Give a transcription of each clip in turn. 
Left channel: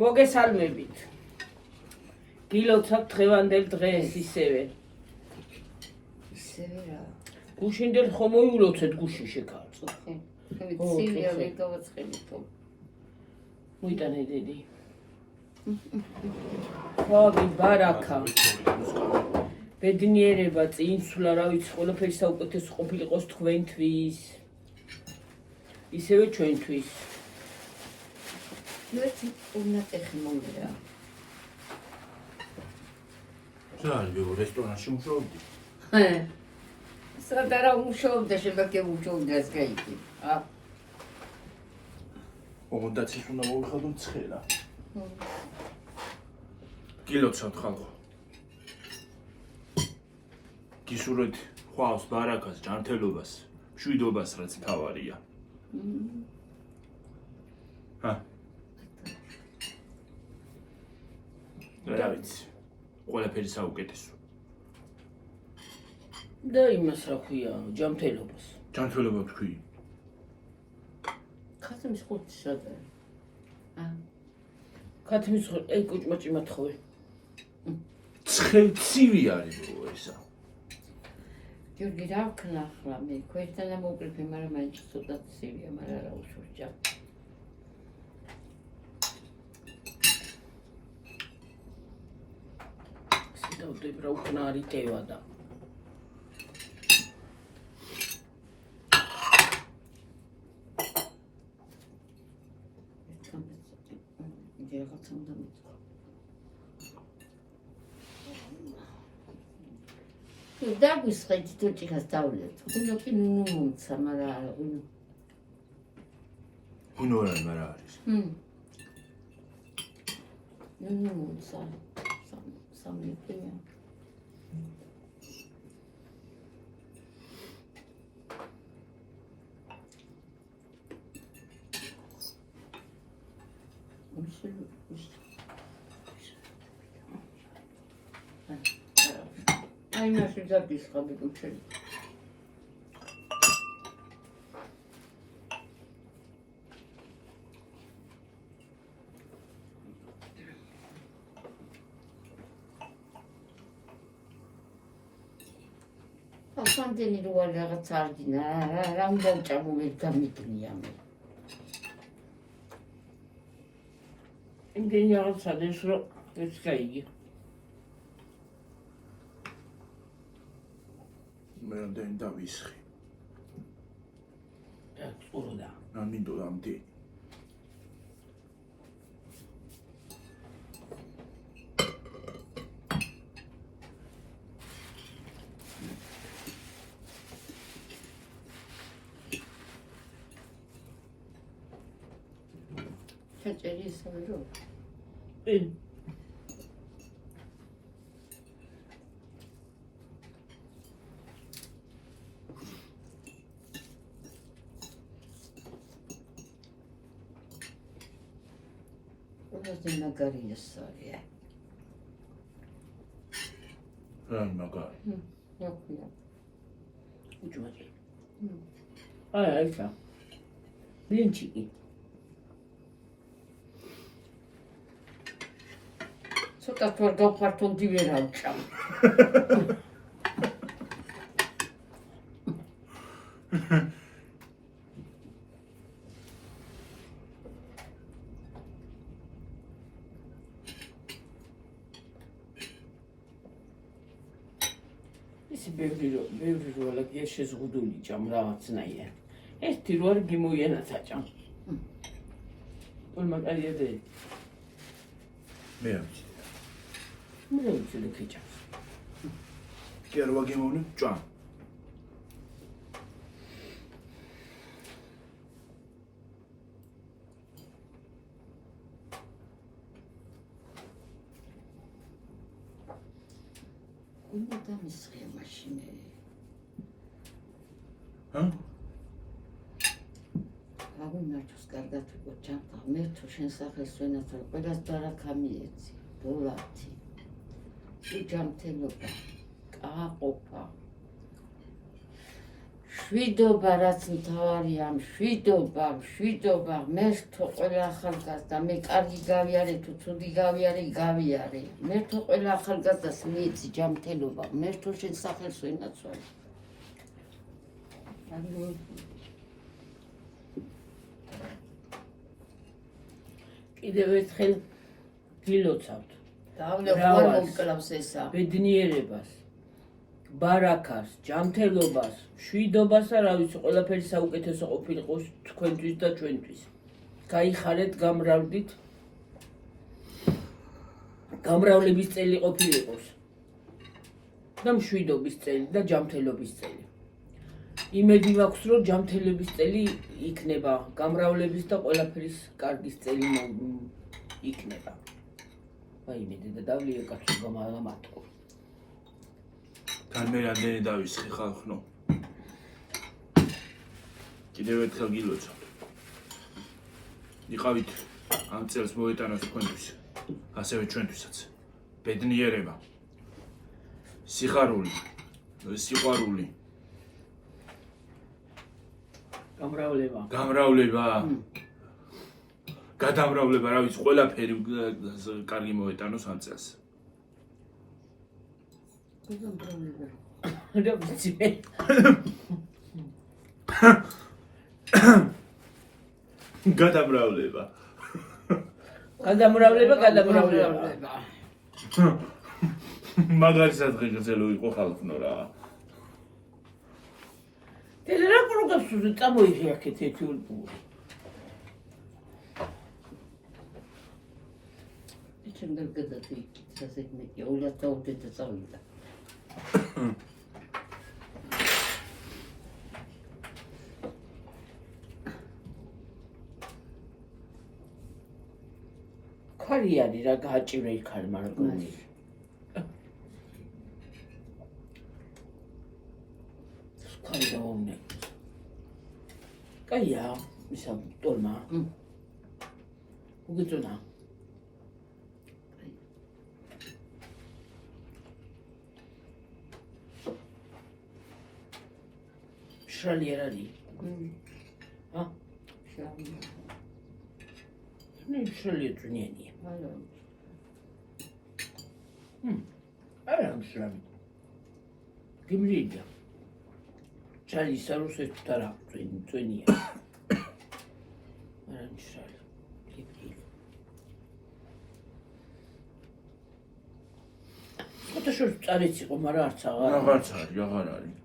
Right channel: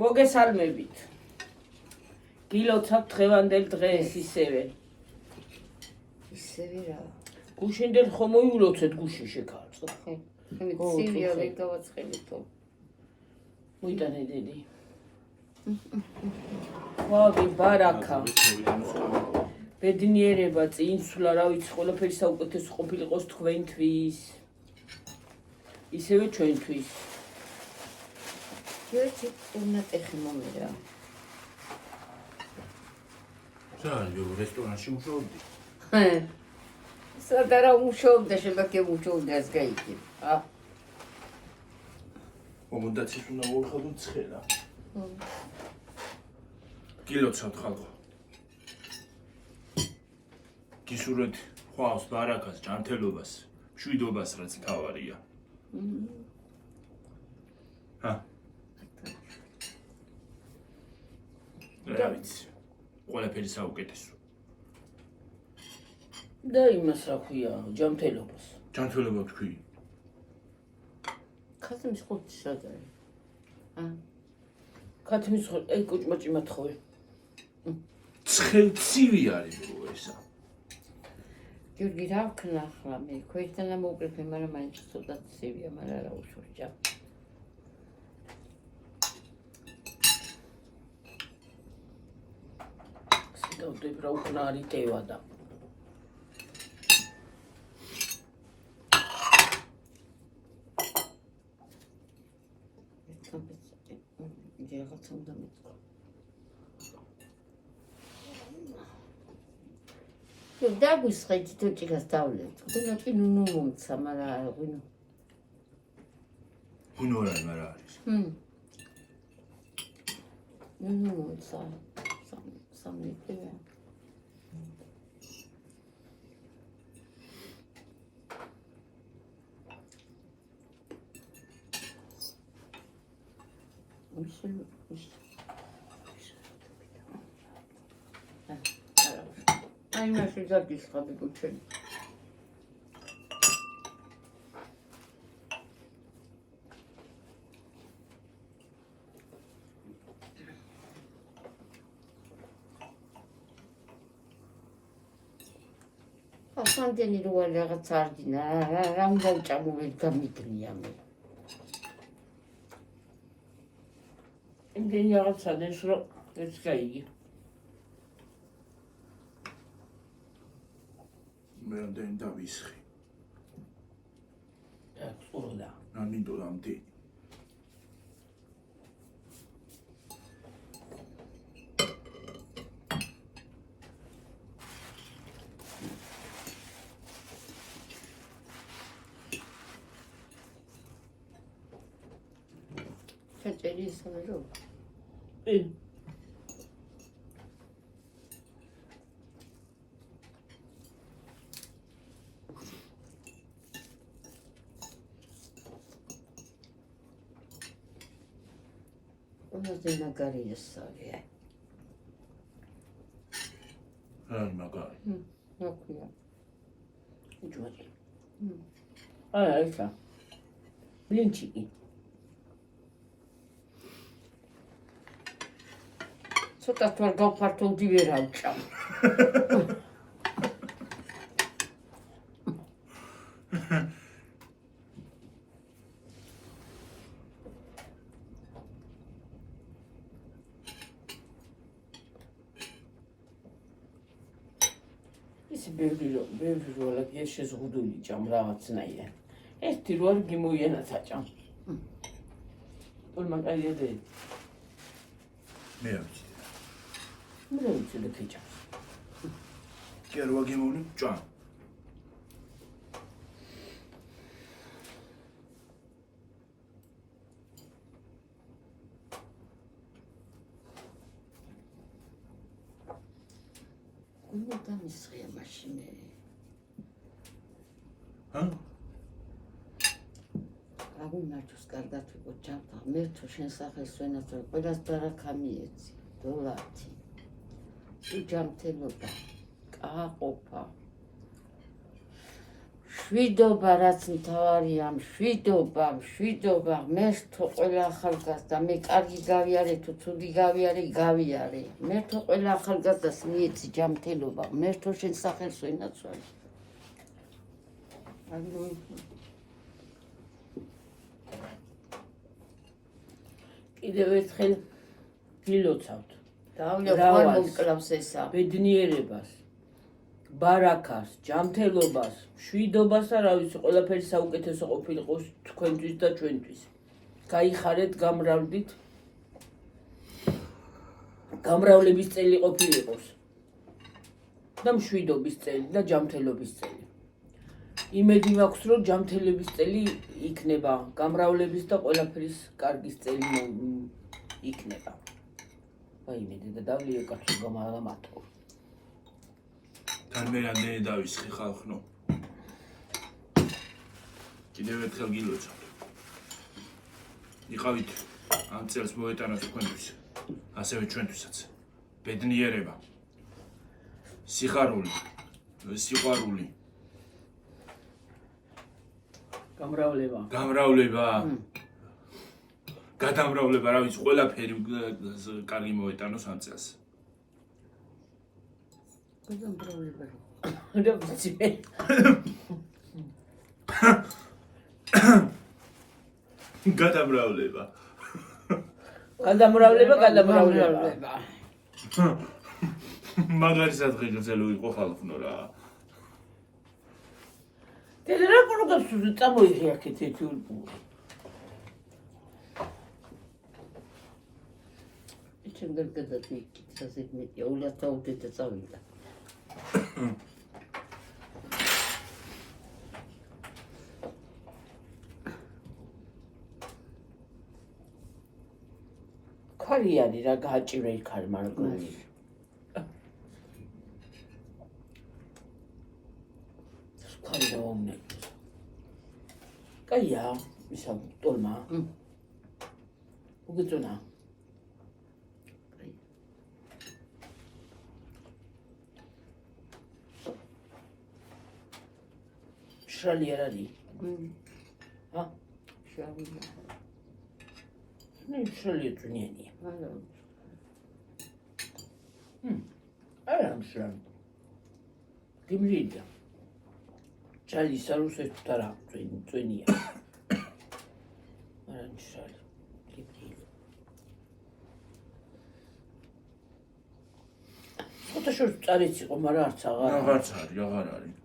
მოგესალმებით. გილოცავთ დღევანდელ დღეს ისევე. ისევე რა. გუშინდელ ხომ მოიულოცეთ გუშინ შეკავწო. ცივია ვერ გავაცხელიო. მოიტანე დედი. ვაბი ბარაკა. ბედნიერება წინსვლა რა ვიცი ყველაფერი საუკეთესო ყოფილიყოს თქვენთვის. ისევე ჩვენთვის. ერთი უნდა ეხი მომირა. ზალიო რესტორანში მუშაობდი. სადარა მუშაობდა შეგაკე მუშაობდა ეს გაიქი. ომონდაცის უნდა მოვიხადოთ ცხელა. გილოცავთ ხალხო. გისურვეთ ხვალს, ბარაკას, ჯანმრთელობას, მშვიდობას რაც თავარია. რა ვიცი. ყველაფერი საუკეთესო. და იმას რა ქვია, ჯანმრთელობას. ჯანმრთელობა თქვი. ხათიმის ხუთი შეგა. ქათმის აი კუჭმაჭი მათხოვე. ცხელცივი არის ესა. ჯურგი რა ვქნა ახლა მე ქვერთან მოვკრიფე, მაგრამ მაინც ცოტა ცივია, მაგრამ რა უშურჯა. სიტყვები რა უკნარი ტევა და დაგვისხეთ თუჭიკას დავლეთ. ხუნო კი ნუნუ მომცა, მაგრამ არა ხუნო. ხუნო რა არის? ნუნუ მომცა. სამნიტია. აი მასე დაგისხები გუჩენ. სამდენი როა რაღაც არგინა, რა მოვჭამო მე გამიგნია მე. იმდენი რაღაცა ეს რო ეს გაიგი. მე რამდენი დავისხი. ყუროდა. ამინდო რამდენი. ჩაჭერი ისე რო. ყველაზე მაგარი ესაა. რა მაგარი. ნაკვია. უჯმაჭი. არა ესა. ბლინჩიკი. ცოტა თორ გაფართოვდი ვერ ავჭამ. ის ბევრი რო ლაგია შეზღუდული ჭამ რაღაცნაირად. ერთი რო არ გიმოიანაცა ჭამ. ყველ მაგარია და მე ამჩი. მე ვიცი ლექიჭა. კერვა გემოვნი ჭამ. უნდა დამისხია მაშინე. აგუნარჩოს კარგად ვიყო ჭამთა. მე თუ შენ სახელს ვენაცვალ, ყველას ბარაკა მიეცი. დოლათი. ჯანმრთელობა, კაყოფა, მშვიდობა რაც მთავარია, მშვიდობა, მე თუ ყველა ახალგაზრდა, მე კარგი გავიარე თუ ცუდი გავიარე, გავიარე. მე თუ ყველა ახალგაზრდას მიეცი ჯანმრთელობა, მე თუ შენ სახელს ვენაცვალე. კიდევ ერთხელ გილოცავთ გავლევს ესა. ბედნიერებას, ბარაქას, ჯანმრთელობას, მშვიდობას და რა ვიცი, ყველაფერი საუკეთესო ყოფილიყო თქვენთვის და ჩვენთვის. გაიხარეთ, გამრავლდით. გამრავლების წელი ყოფილიყოს. და მშვიდობის წელი და ჯანმრთელობის წელი. იმედი მაქვს, რომ ჯანმრთელობის წელი იქნება, გამრავლების და ყველაფრის კარგის წელი იქნება. ვაიმე, და დავლიე კაცო გამარამათო. თან მე რამდენი დავისხი ხალხნო. კიდევ ერთხელ გილოცავთ. იყავით ამ წელს მოეტანოთ თქვენთვის, ასევე ჩვენთვისაც. ბედნიერება, სიხარული, სიყვარული, გამრავლება, გადამრავლება, რა ვიცი, ყველაფერი კარგი მოეტანოს ამ წელს. რა ვიცი მე. გადამრავლება. მაგარი სადღი გრძელო იყო ხალხნო რა. რა კონკრეტულად წამოიღიახეთ ერთი ულპური. ჩემ გადადი ისეთ მეტი ულა თავდეთ წავიდა. ქარი არის რა გააჭირე იქ არის მაგრამ ქარი დაომნე კაია ისა ტოლმა უგეწონა შალი არალი ა შალი ნუ შალი წვნიანი არა მშრალი გიმრიდა შალი სარუსეთ და რა წვნია არა მშრალი ფოტოშოპ წარიც იყო მაგრამ არც აღარ არის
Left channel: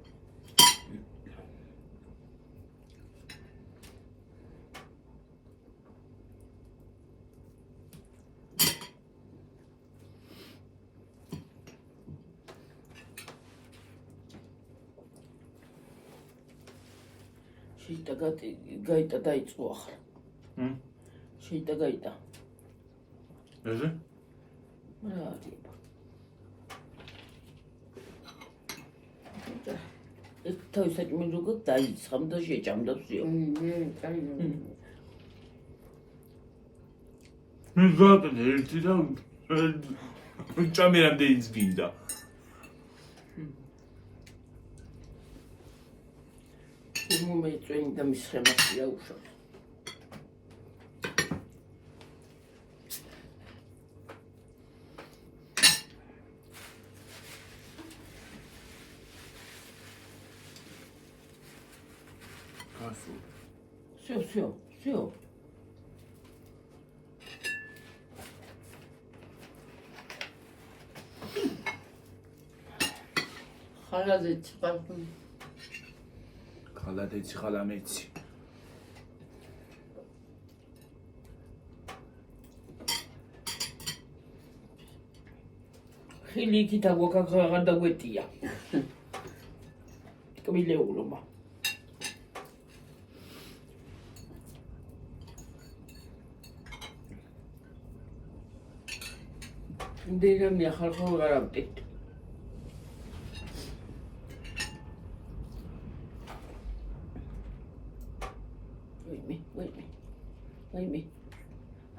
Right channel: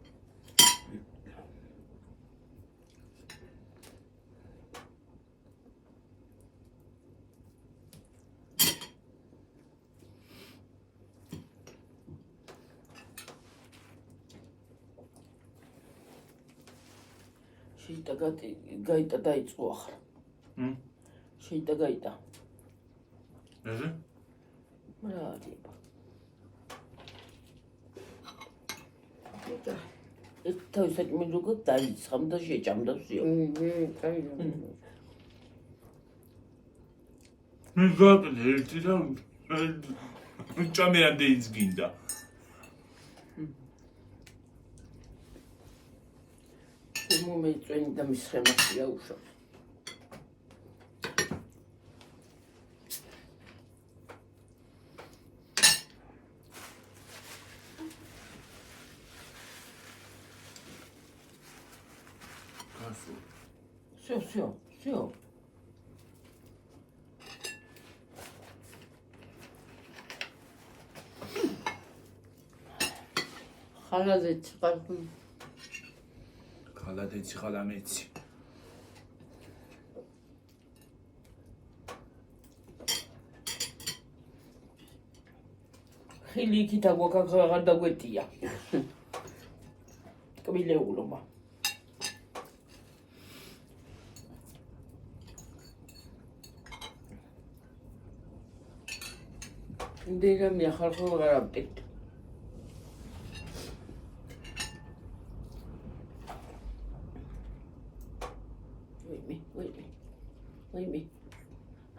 შეიტა გაიტა დაიწყო ახლა. შეიტა გაიტა. ესე? რა არის? თავის საჭმელი როგორ დაიცხამ და შეჭამდა ვსიო. მე გაკეთე ერთი და ჭამე რამდენი გინდა. მომეწვენი და მის ხემასია უშოთ. გასულ. всё. ხალადეც პარკი ხალადეცი ხალამეცი ხილი იქით აგვაკაღაღარ დაგვეტია კბილეულობა ინდერამია ხალხო გარავდეთ ვაიმე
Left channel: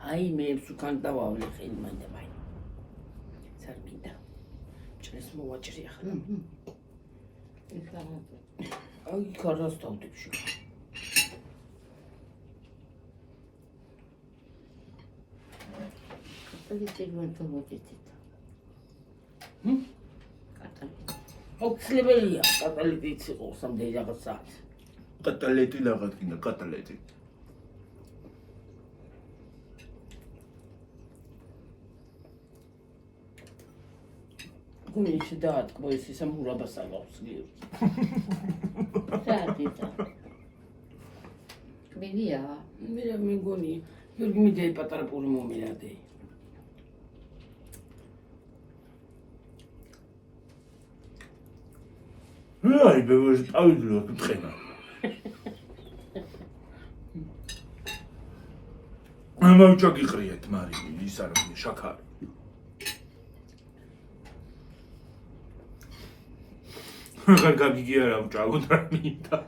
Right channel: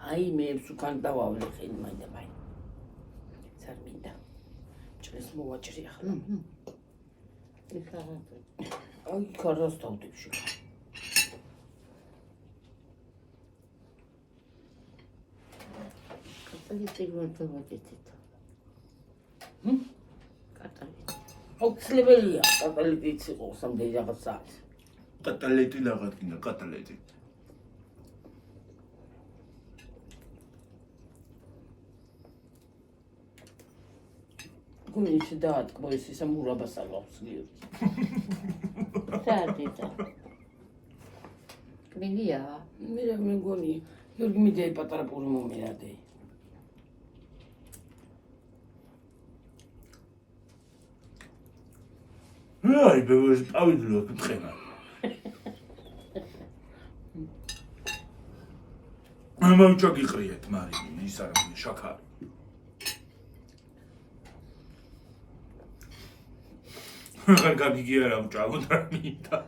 აი მე სუკან დავავლე ხელი მაინდა სარმინდა ჭრეს მოვაჭრი ახლა აი კარას დავდებში. პოლიტიკურად მოგეთით. აუცილებელია კატალიტიც იყოს ამდენი რაღაცა. კატალეტი რაღაც გინდა, კატალეტი. გუნიჩი დაატკბო ეს ისა მურაბას აღავს გიორგი. საერთოდ. მილია. მე მეგონი გიორგი მიდე პატარა პური მომენადე. აი, ბევრი ავიძლა თქვენა. მოვჭო გიყრიეთ, მარი, ის არ არის შაქარი. აღარ გაგიგი არა ვჭავოთ რა მინდა.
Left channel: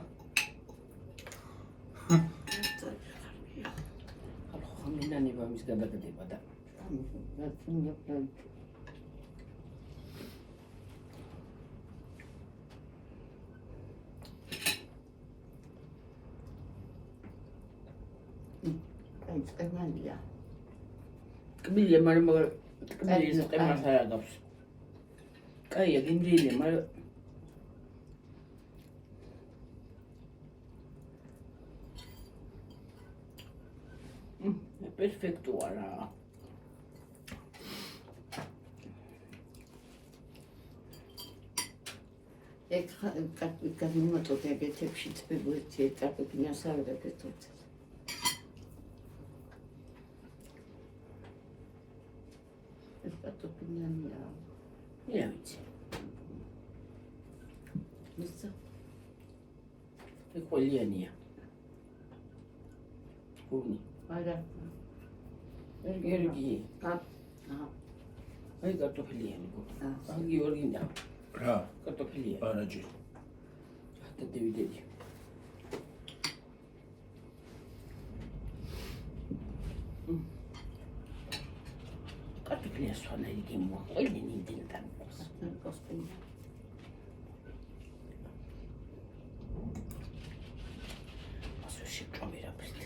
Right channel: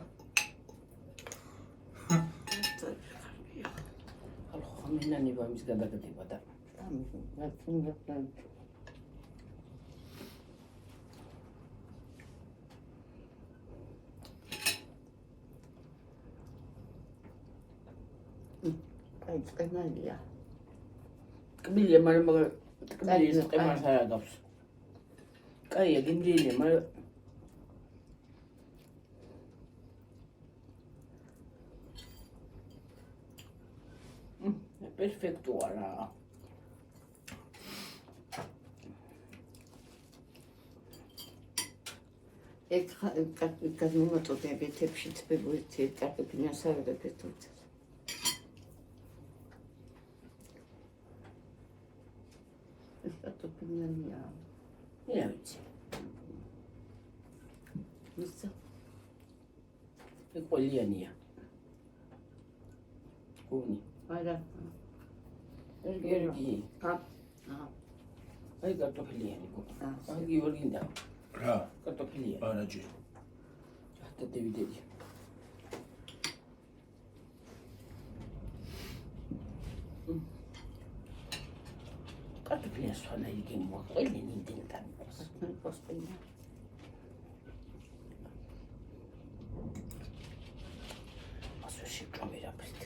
ხალხო ხამინანება მის გადაგდება და წყენალია. კბილია, მაგრამ კბილის ყემას არ აგავს. კაია, გიმრიელია, მაგრამ პერფექტოა რა. ეხლა გადმომაწოდებით ეთებში წებუეთი ეტაპებია საერთოდ. ეს პატოფინია. მე ვიცი. მისცა. ეს ყოლიანია. გუნი. არა. გიორგი. აა. აი კარტოფილიანი გოგო. აი გიორგინდა. რა? კარტოფილია. არაჯი. და დევიდები. კარტოფილია სვანა იგი მოყოლინი დინთან. კოსტინი. ასე შეჭამერა პრით.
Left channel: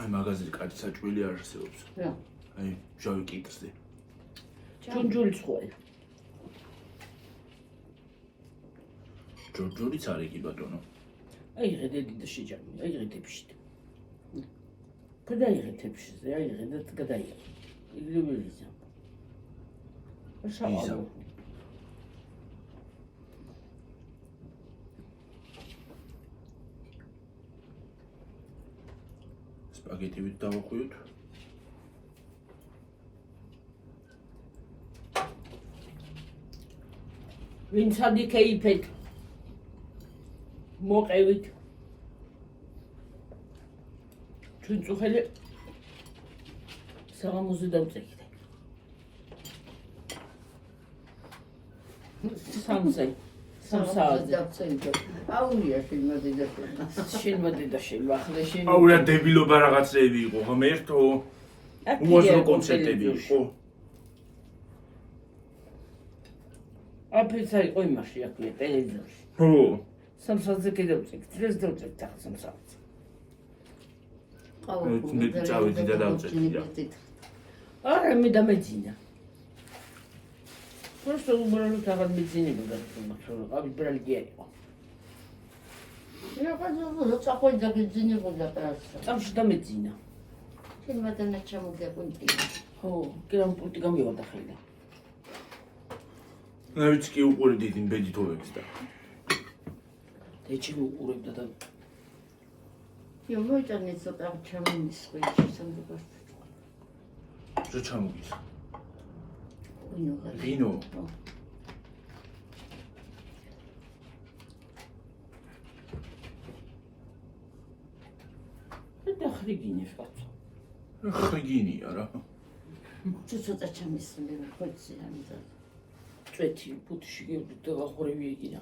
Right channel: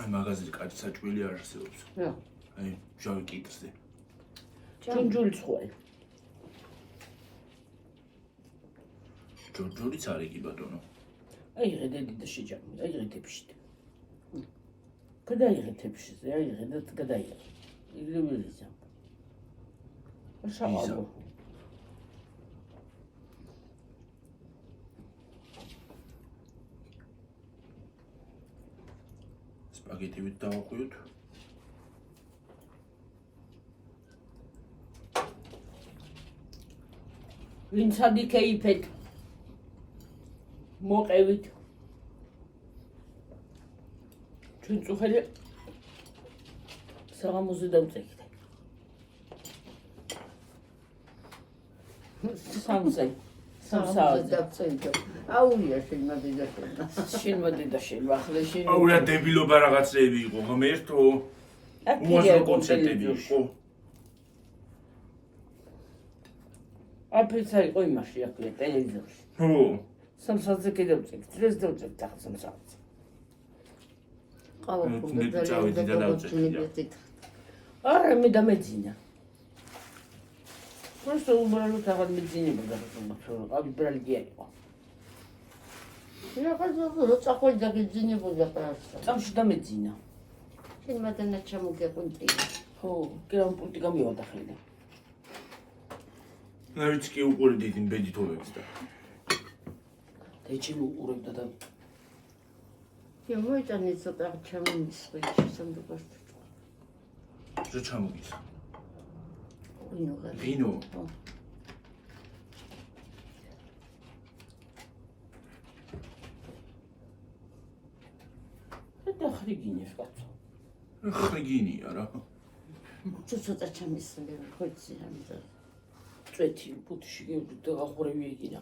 აი მაღაზიაზე კაც საჭველი არ არსებობს. რა. აი ჟავი კიტზე. ჯუნჯული ცხოი. ჯორჯორიც არის კი ბატონო. აიღე და შეჯამი, აიღე თეფშით. გადაიღე თეფშიზე, აიღე და გადაიღე. იგივეა. შავალო. სპაგეტივით დავახვიოთ. ვინც ადიქეიფეთ მოყევით ჩვენ წუხელი საღამოზე დავწევით სამზე აუია შემოდიდა შენმოდიდა ახლა შენ აუია დებილობა რაღაცები იყო ღმერთო უაზრო კონცერტები იყო აფრიცარი ყო იმაში აქვია ტელევიზორში ხო სამსახზე კიდევწევით დღეს დავწევით ახლა სამსახზე მე წავედი და დავწევი არა მე დამეძინა просто убрали так медицинебуда აი ბრალგია იყო я хочу заходить до медицинебуда просто წამში დამეძინა შემოდენა ჩამოგეყუნტი ხო კერამ პულტი გამივარდა ხელი ნავიც კი უყურებდი იმ ბედითობებს და ეჩი უყურებდა და я მოიტანე ცოტა ჩამომისხვი შესამდგარ რა ჩამოგის ვინო ვინო და ხრიგინეს კაცო ხრიგინია რა ცოტა ჩამისხვი ხოცი ამდა წვეთი ფუთში გიორგი აღურევი ეგინა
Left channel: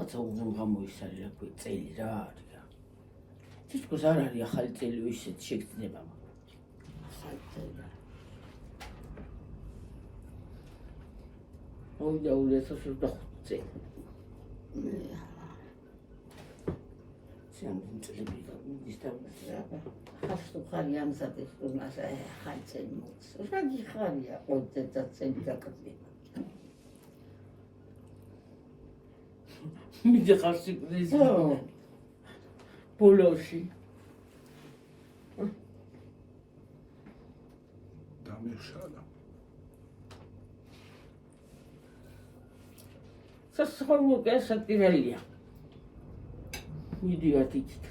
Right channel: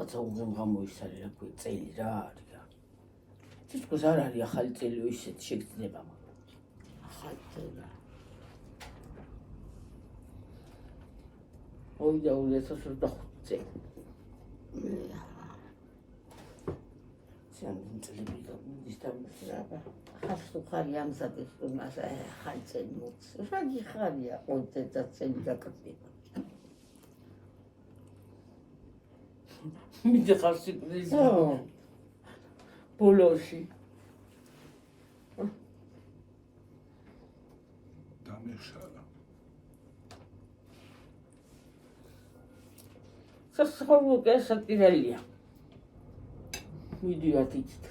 რაღაცა უღმღამოისარი რა ქვია წელი რა არის რა. თითქოს არ არის ახალი წელი ისეთ შეგრძნება მაგრამ. ახალი წელი. მოვიდა 2025 წელი. სამ წლები მიდის და ხარი ამზადეს თუნდაც ახალი წელი მოხს. რა გიხარია ყოლზე და წელი დაკეთება. მიდიხარ სიკვდილის ბოლოში. დამეხშალა. სასწაულო გასაკირალია. მიდივართ იქით.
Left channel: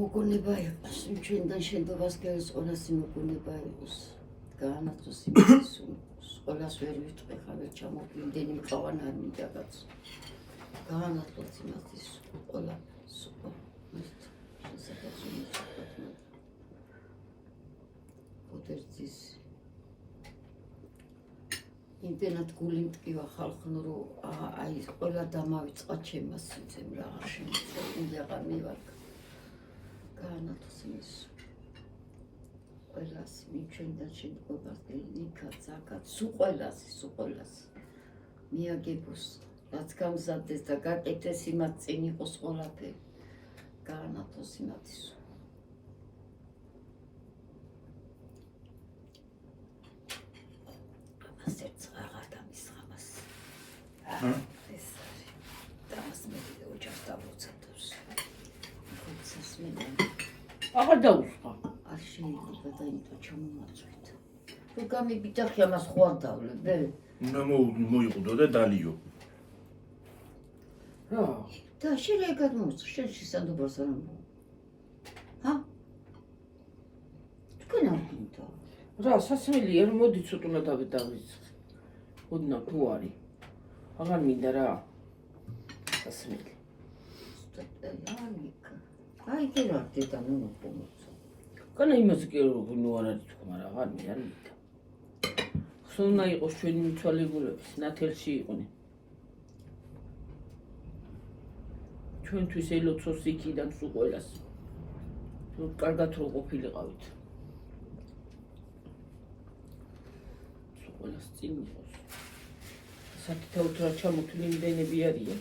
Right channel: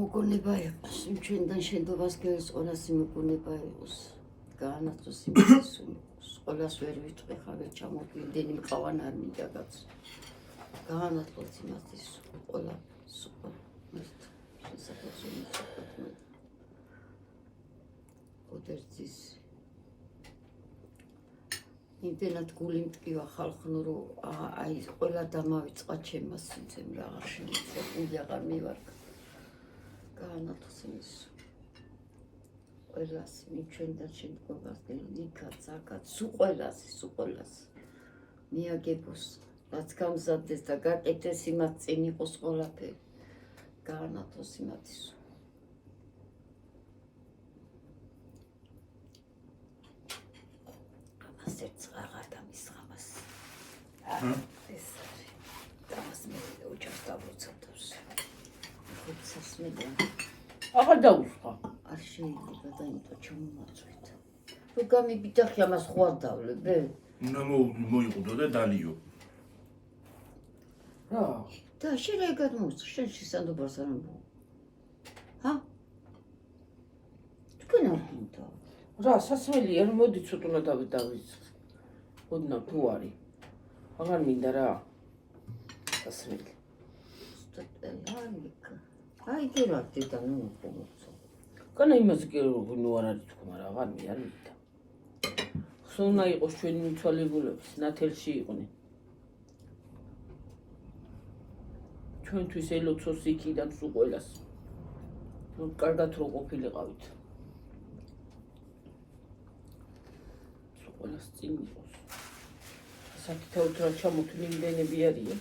მოგონება იყოს, ჩვენთან შენდობას გეოს ყველას მოგონება იყოს. გაანაცოს იმის ყველას ვერ ვიტყვი ხარ ვერ ჩამოგვიდენი მყავან არ მიდაგაც. გაანაცვლოს იმათის ყველა სუპა. ოდერცის იმდენად გული მტკივა ხალხნო რომ აი ყველა დამავიწყა ჩემას სიცემ რა შემიძლია აღარ მივარ გაანათოს იმის ყველას მიჩენდა შემდგომას იქაც აქაც სუყოლას მიაგებოს რაც გამზადდეს და გაკეთდეს იმათ წინ იყოს ყველაფერი გაანათოს იმათის ასეც აღარ დამისხამას ეს დას მე ოჯახს დავუცადოს ხუთს მე აღარ დაუსხა. არ შეიძლება და იმიტომ ჩამომაწვეთ რო გამიბიძახი ამას ხო არ დავლებ უნდა მოიყუდო და დალიო. რა? და შენ რა გადმოუწყ შენ შესაძლებლობას არ ამბობ ჰა თქვენ არ გინდა რა სასმელი არ მოდი ცოტა დავიწყე. ოდნა თუ არის. აღარ მინდა რა. სასმელი. აი გერა დედა ნუ მოწონს კანა იმას კი ნუ არ არის თქო, მაგრამ აღარ მინდა. ხსოვნა იყოს ჩვენი მიცვალებულების ნათელში იყვნენ. ჩვენთვის ელოცოს იქიდან სულ ყველას. რომ კარგად რო ყოფილიყავით. სულ ყველას წინ იყოს. საკითხავთ რა ჩამოთვლი იმდენები არიან.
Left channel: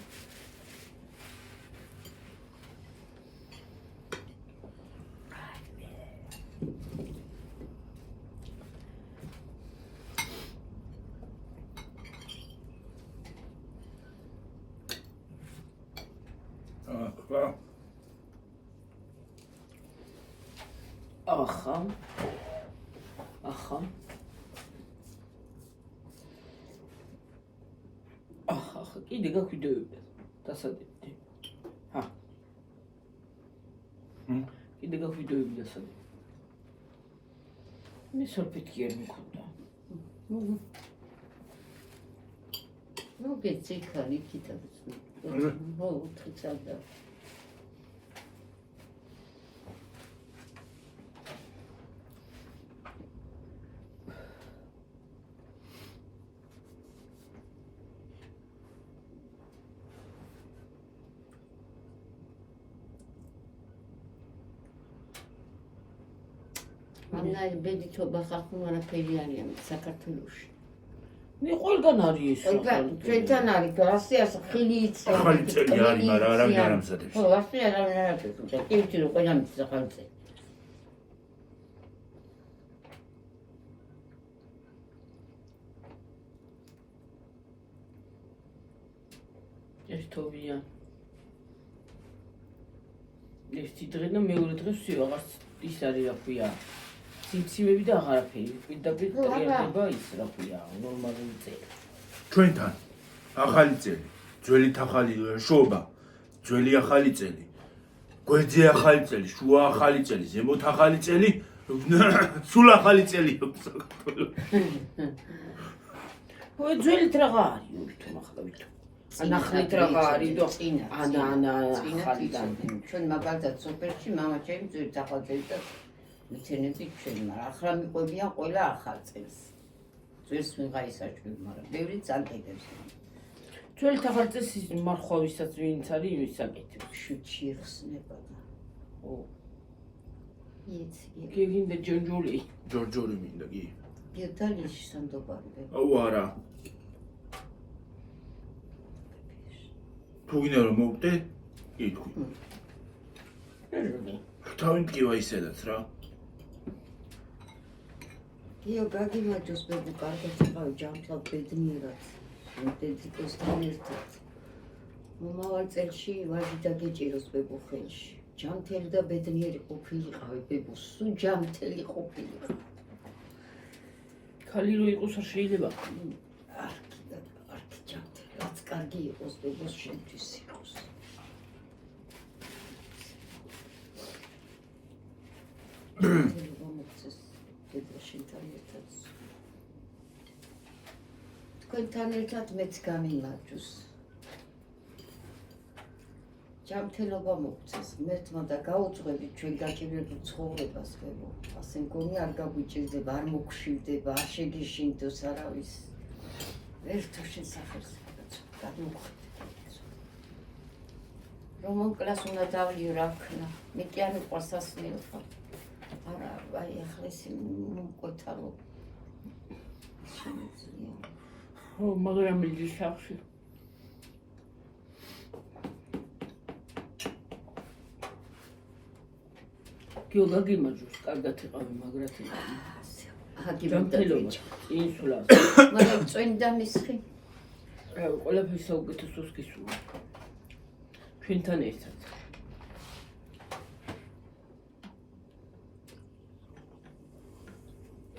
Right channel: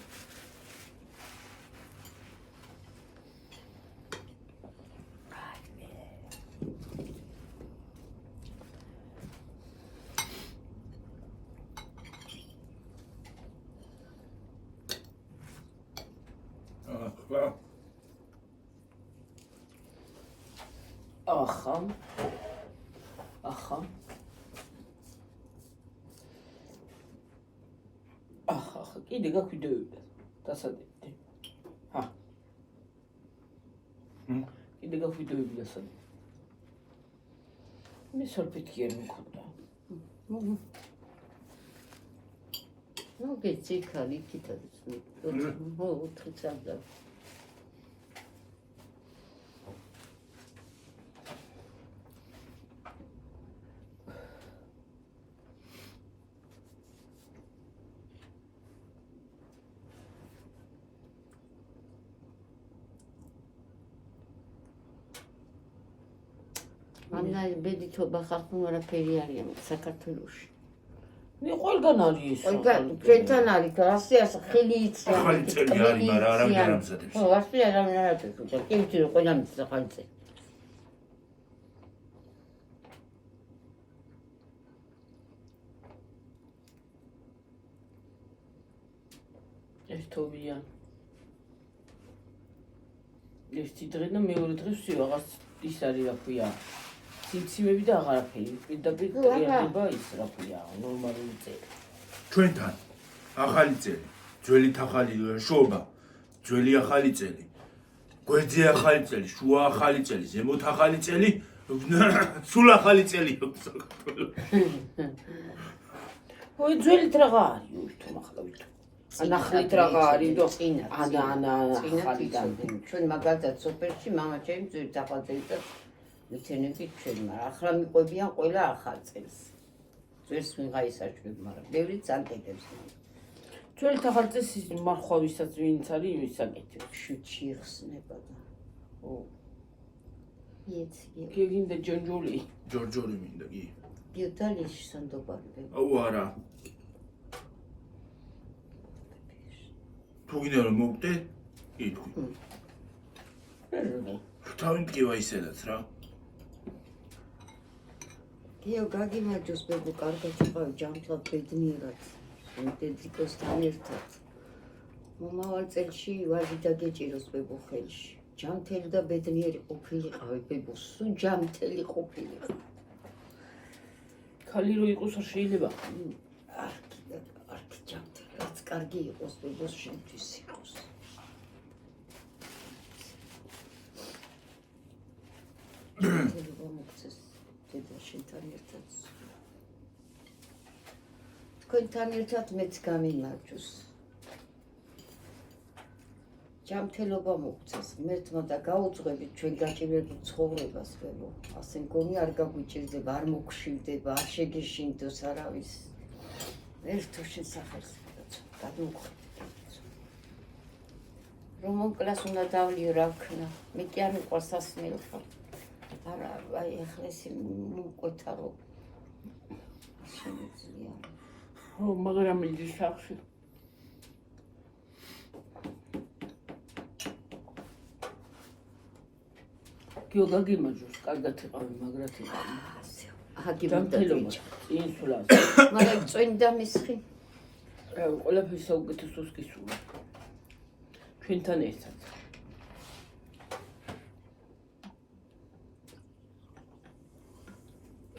ახა კიდე გაგვიდევდა დასადებდი. ჰა. კიდე გაგვიდევდი დასადებდი. მე სოფიტი არ მქონდა. ნუ გეცი ხალი კითაც ნუ უთხიცავდა Anna bedi toba ხახუნ არაფერი არიან საქართველოში. მე ყველგან არის ეს. ჩვენთან არის რასიას ხილიც ახალი წელი არის, მაგრამ არავინ არ ამზადებს. ხო, ასე არავინ არ ამზადებს. და კი ვიცი რომ ყველამ ის ახალი წელი. ერთობია. ერთი დღე და მეორე დღე ვსი ვაღარც ის არის რა ქვია. ციმციმები და აღარაფერი. პირდაპირ ტრიალდება ის რა ქვია, ნორმალური წელი. ჩვენთან ახალი წელი, ძველი ახალი შობა, ძველი ახალი წელი, გვერდზე ახალი წელი, შუა ახალი წელი, ზემოთ ახალი წელი, სულ ახალი წელი საქართველოში. ой, ძველით რაღა არის თუმ ახლა ვითომ. ანახლით რაღა არის და ანა ახალიდან. ჩვენ მაგალითად სუპერში მამა ჩემი ძველი ახალი წელი და მეცენები ჩვენი, მაგრამ ახლა მიყვებიან ყველა ახალ წელს. ძველს მიღაისაჭმები, მაგრამ ბევრი წამყიდებს. ჩვენი თახალწეს მარხვავისაც ვინც არის იმის საკეთებს. შუჩი იხსნება. ო, იეცი. გეგინდა ჯონჯული. ჯორჯორი მინდა კი. გიოთალიში სანდობარი. აუ არა. თუ გინდა რომ მოვკდე? კი თქვი. თავი მტკივა ისედაც რა. გიო გაგიმაჯოს ბებო კარგად იყავი ჯანმრთელ ბედნიერად. დედიკოსთან ერთად. მომავალ წელში ვაჟი დაგეჭიროს ბებო ხელში. ჯანმრთელი და ბედნიერი ყოფილიყავი ბებო, სულ ჯანმრთელი ყოფილიყავი. ქალი რო იყოს არ შეიძლება. არქი ჯანმრთელი, რაც კარგი იყოს ბებოს შემთვის იყოს. მომწეს დედაშენთან ერთად. თქვენთან ერთად მეც გამინარჯოს. ჯანმრთელობა მოგწეს, მერთმა და გაუძღვებით ჩვენ გაჭირებულ ცხოვრებას ბებო. ასე მგონი არ გაგვიჭირდება, არ მოგშვიდება, არ შეგეშინდოს არავის. ერთო შესახერს გადმოგვხედეთ. რომ მოკლას უნდა დავლიო რა ვქნა. მე კი არ მიყვარს სასმელი ხარ. არა, აი ახლა ეს მოკვეთა რომ შემიძლია. ო, მაგრამ მიდის სახში. გიო გაგიმაჯოს, კარგად იყავი, მაგრად იყავი. ჯანმრთელობა, წინსვლა. მაგრამ წვენი და მისხი. რა, ყველაფერს საუკეთესოს გისურვებ. ჩვენთან ერთად.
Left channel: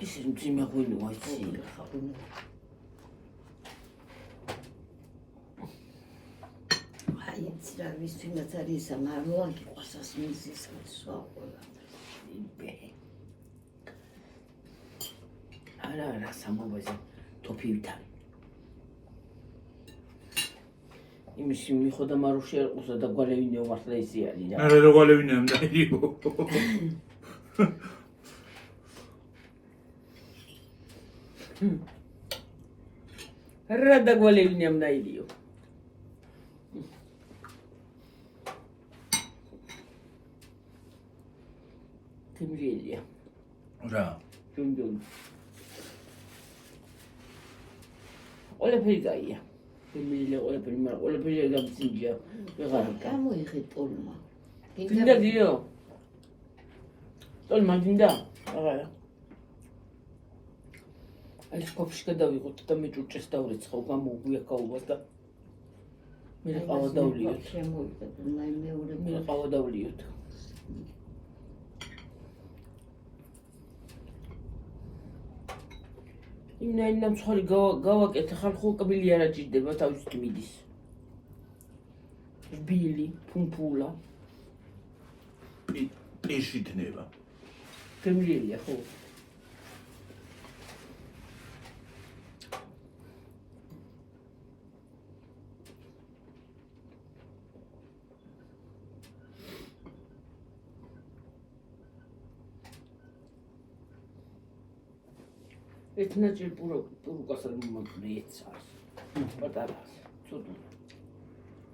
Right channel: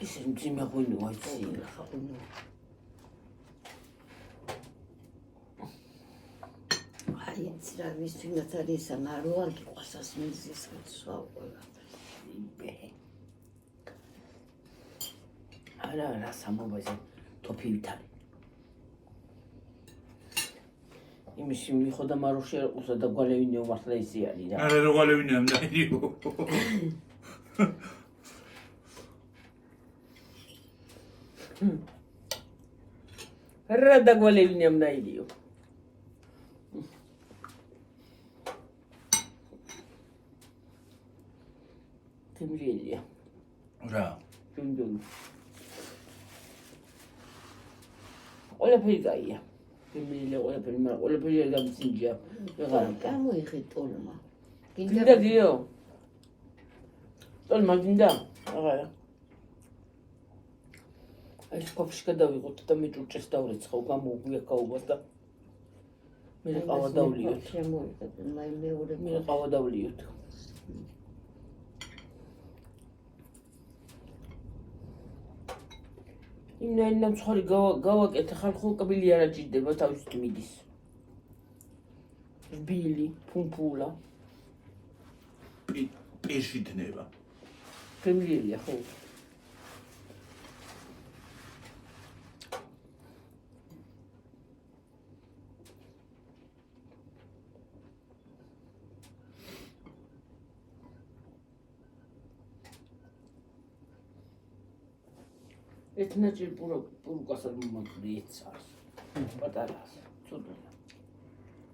ის მძიმე ღვინო აიცი. აი ეს რა ვისმენაც არის ამაროა გიყვარს ასმენზის სხვა ყველა. არა, რა სამბობაზე თოფივითარი. იმისი მიხოდა მაროში არ ყოსა და გვალევინეო მართლა ისი არის რა. არა რა გვალევინეო დაიო. რა და გვალევინე ამნაირიო. თემრიელია. რა. ჯუნჯუნ. ყველაფერი გაია. თემრიელია ყველაფერი, მაგრამ ყველაფერი არ გამწინჯია. ვეღარ გა. გამოიხე ტოლმა. გინდა გიო. ტოლმა გინდა? აღარა. ეს კოფში გადავიღოთ და მე ჭურჭეს დავრიცხავ, გამოვგვია გაუბას და მე ყავა დავლიოთ. შემოვიდა, მეორე მე ყავა დავლიოთ. ინა მცხარი გავაკეთე, ხალხო კბილი არ აჭირდება თავის მიდის. ბილი, ფუნფულა. პირში დნება. თემრიელია ხო? ეთნაჭი პურუკას არ მომწრიეცა. პატარას, ცუდო.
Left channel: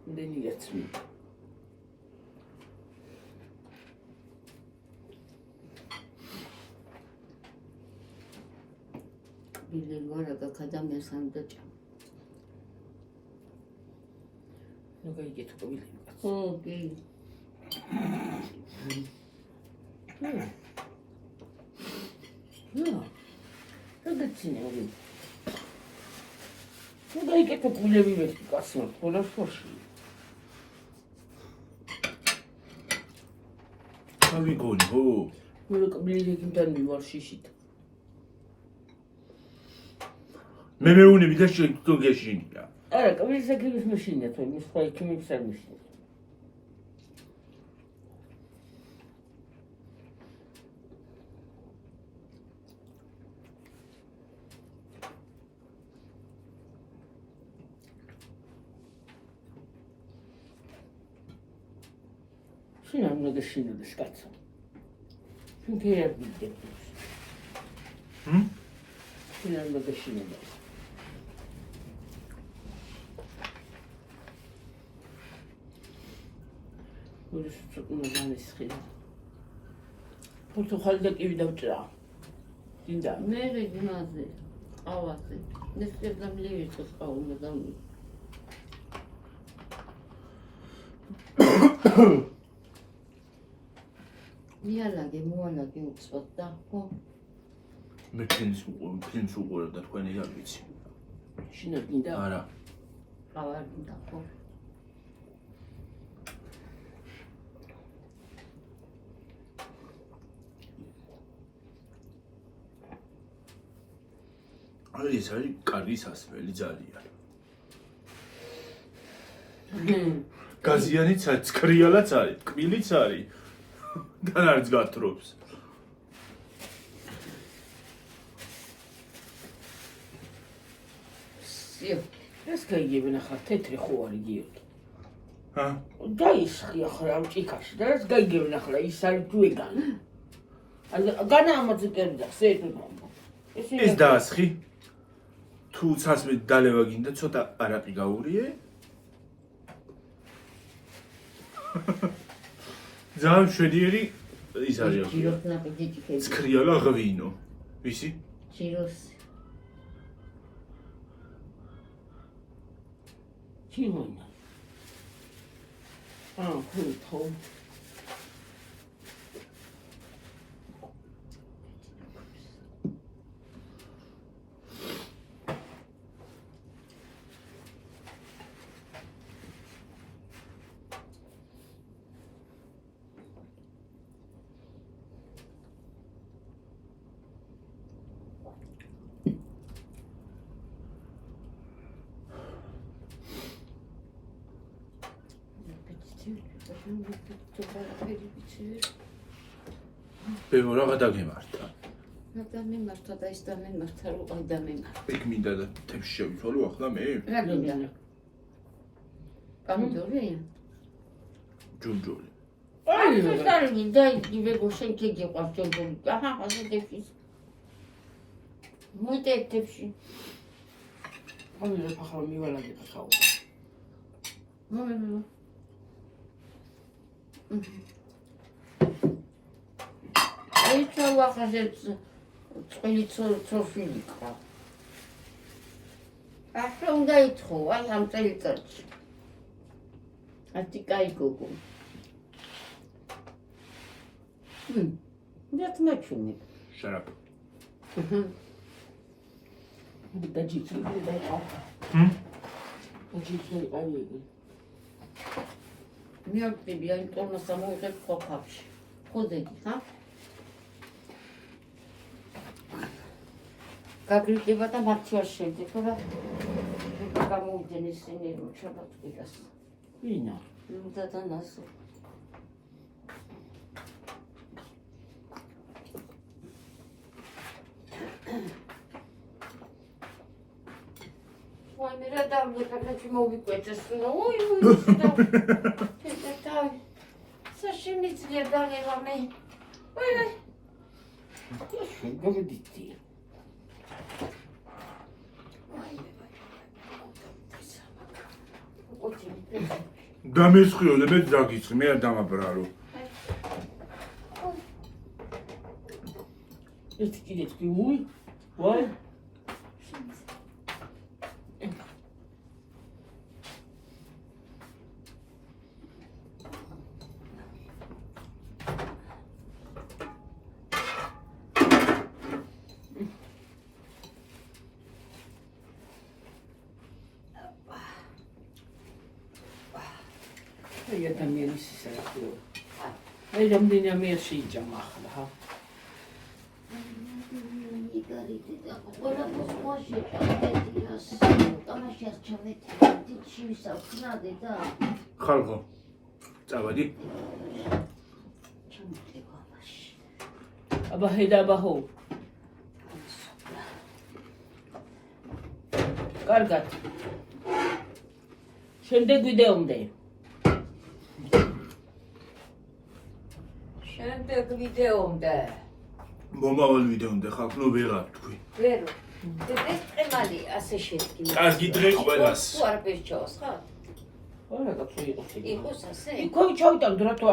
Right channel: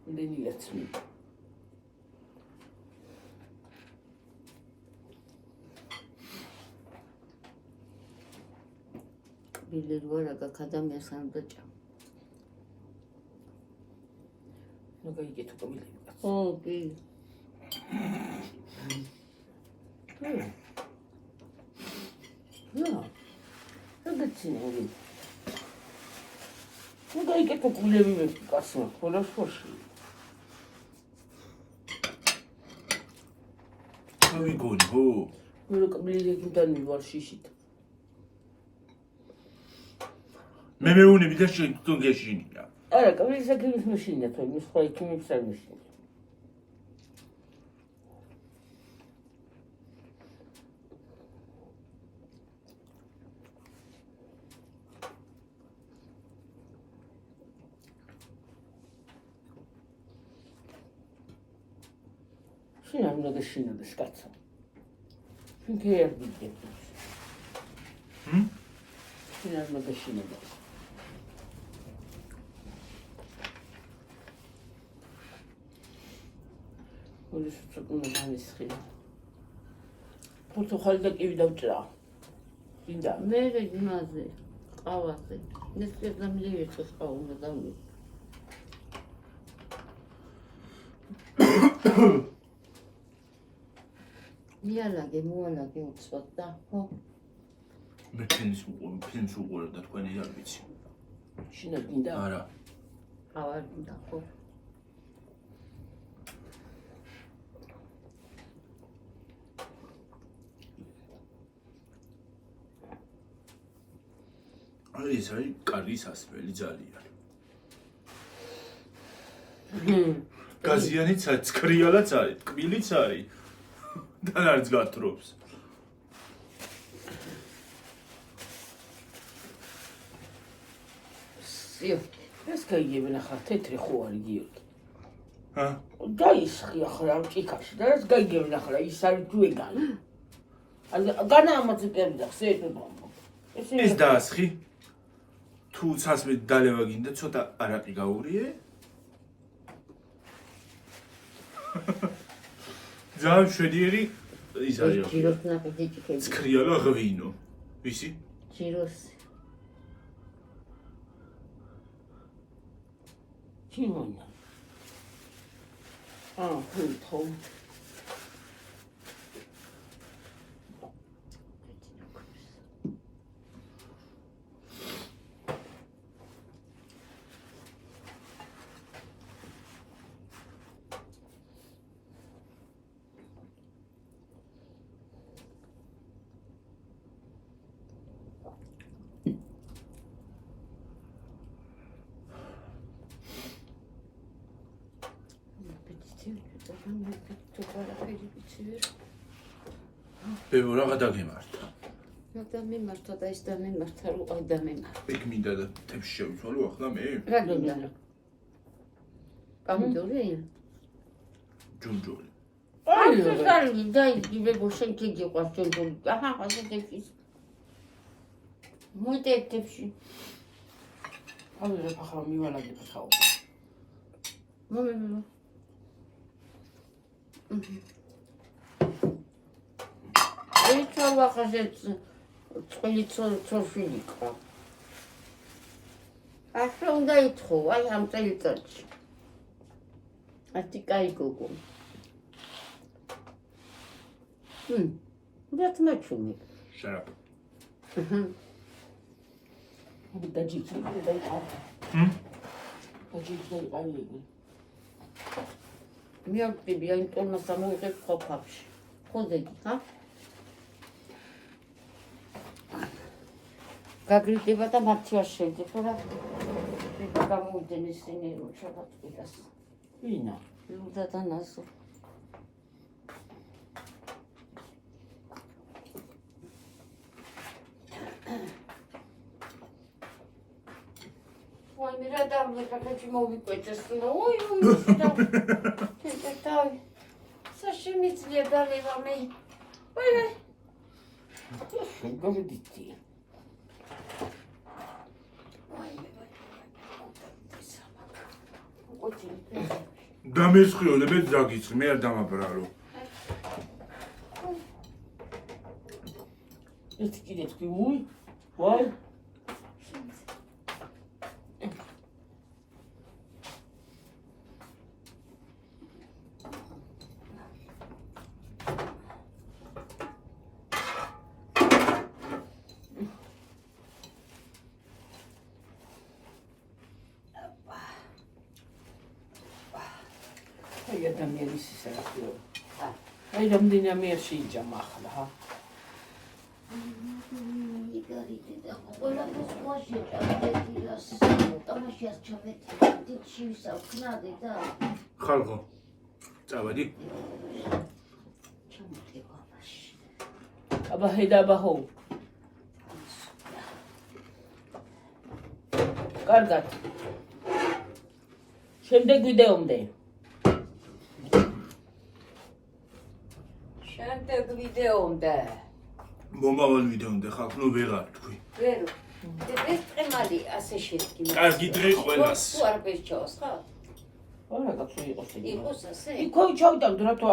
მდენიაც მი. ბილი ვარა გაკადამიას არ დაჭამ. ნუ გაიგეთ კობილი. ო, ბილი. ნუ გაცინები. ნუ გაიგეთ კულები ვერტი კაცო, ხოლმე ფოში. თავი გონი ხო? მე რო კბილი რეგინდან მივარ შიშით. მე მეუნები და შენ გეშინია. არა, კბილი საკრების მაშინია თუ ის სხვა იქიმის არ მაშინია. შენ არ უნდა შინოდეს კაცო. შენ კი არ გიძები. შენ არ უნდა შინოდეს. გულის უწუნა განისხი. პორტუხალი და კივი დავჭრა. დინდა. მე რეგიმაზე ყავაზე. ნისკერდა მლივიცოს ყაულა დამი. მიალაგე მოალაგე უცბად და ხო? მე ფილმს უყურებ და თქვენი არ ვიცი. შინაგ დინდა. არა. ყავარ და ხო? ეს არის კარგი სასმელი ძალიან. გაზიანიც არის, ცქრიალაც არის, ტკბილიც არის. და არც გათრობს. იო, ეს გაიგებენ ახლა თეთრი ხო არის გიო. ჰა? დაისხი ახლა ამ ჭიქაში და ეს გაიგებენ ახლა ის არის თუ ეგანი. განა ამაზე წერდა სეფება. ეს დაასხი? თუ სასმელი დალევა გინდა ცოტა არაყი გაურიე? ძალიან შვედიერი ის არის. ჯიროს ნაკეთი ჭიქები. ცქრიალა ღვინო. ვისი? ჯიროს. ჩიმონა. ხო. ბებო რაღა დაგემართა. დამემართა და ის დამემართა რომ ადამემართა. იქ მინდა და თებში შევიცვალო ახლა მე? რა გონდა? პამიდორი? ჯუნჯული. აი, სარი დაიგივე გოშენ გიყვარ ჯონჯული. აჰა, ასე დეფის. მოიტექებში. ამერე ახლა მივალაგე ხაო. მომენტო. აი, ჩავა ხაშეთ წელი წროფილი ყვა. ახლა უნდა ითხოვ, აი ამ წელიწადში. ათი კაი გოგო. That's my chummy. Shut up. დაჯიჭი და იყავ. დაჯიჭი და იყავ. მიაკტიბი აი ტონა სამოიღებ ხოფავში. ხოდეგი, ხა? გაგრიტება და მართი არ შეიძლება რა. გამოვიდნენ ისინი რომ ჩაბატყიდას. ვინა? დადანასე. ვაი რა დამოკაკაჩი მოვიკვეჭეს ოი და საშემიძლია დალევა მე ვაი გამოდიცი დამესხიო მე დაგიცხი მე არ დამაბრალო ეს კიდე თქვი უი ვაი აი ადამიანის ისაა. აი რამდენი ამერ შეიჭამა ახლა, ჰა. იგარიტი და ყველაფერს მოშეჭამდეთირას. ტომაშას ჩავეთი. დიჩი ვისავქნადე და ხალხო. წავედი. ჩამოტება მაშინ. აბა ჰედაბა ჰო. კარგად. შემდეგ ვიდეომდე. შემდეგ ვიდეომდე. მომავალ ვიდეომდე ხალხო ნუ ვეღარ თქვი. ვერო. ეს წემალი ასე შედგინა. კარგი დღე ყველას. თუ არ ბეჭოს, ხა? არა, კაცო იყოს. იყოს ასე. იქ ჩავიტანთ რა თუ